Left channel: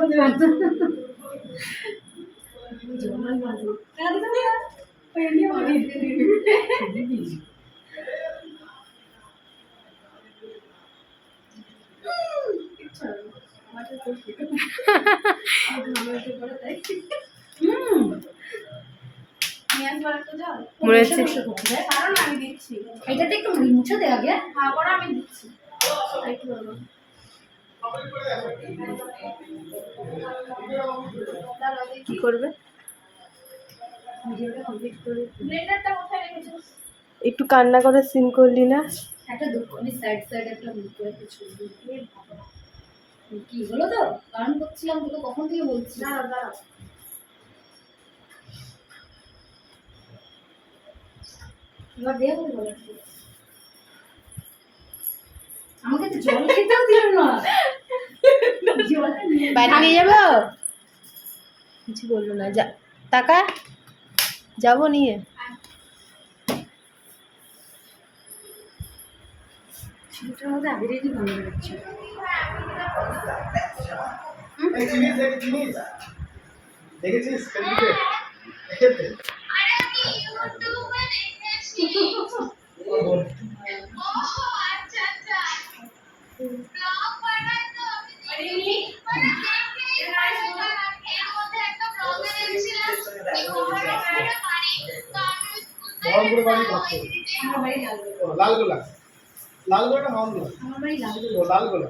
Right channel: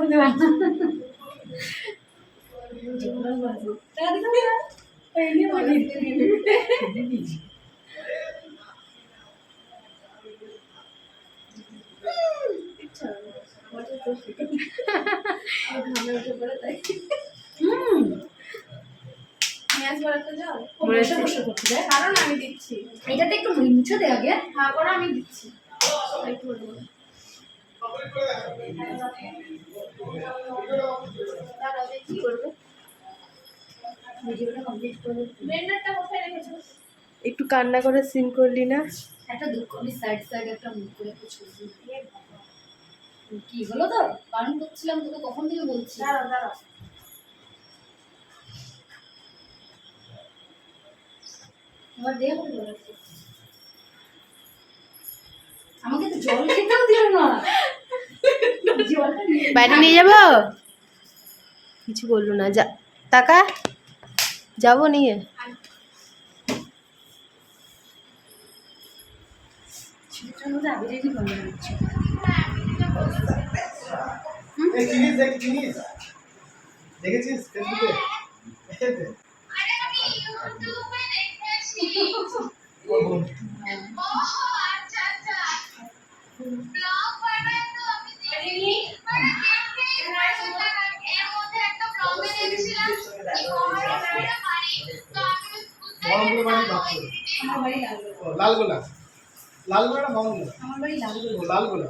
কথা দেবে না। জমাল বাজে টাকা দিতে না পেনি আমাকে দিবি ইচ্ছা মাঠে তো ঠিক আছে ঘামে উঠে পড়ে তাই নিয়াজ বাড়াতে যাও বসে বসে করতে দেয় কারণ আমি দিচ্ছি এটাতে একটু মুছে দে আগে হ্যাঁ করে আমি দিচ্ছি একটু বলবো কি করবে ভিডিওটা কমপ্লিট করে ব্লেন্ডারটা কোথায় রেখেছো একটু কান্না করে সিন করলি না? একটা দুঃখ আমি সাইড সাইড একটা মুখ করে কিছু কি হলো তো কারণ করছিলাম তোকে কখন থেকে বলছি দাঁড়াও দাঁড়াও এবার দেখো আমাকে তো জল খেতেও দিল না বাইরে নিয়ে যাবো? কিছু বললো না, যা টাকা যাবো নিয়ে। সেটার মধ্যে আবিরেরই মনে হচ্ছে দেখেছিস ফেসবুকে? লালগোলা লালগোলা না মহঙ্গলা? আমার বাড়ি লালগোলা। লালগোলা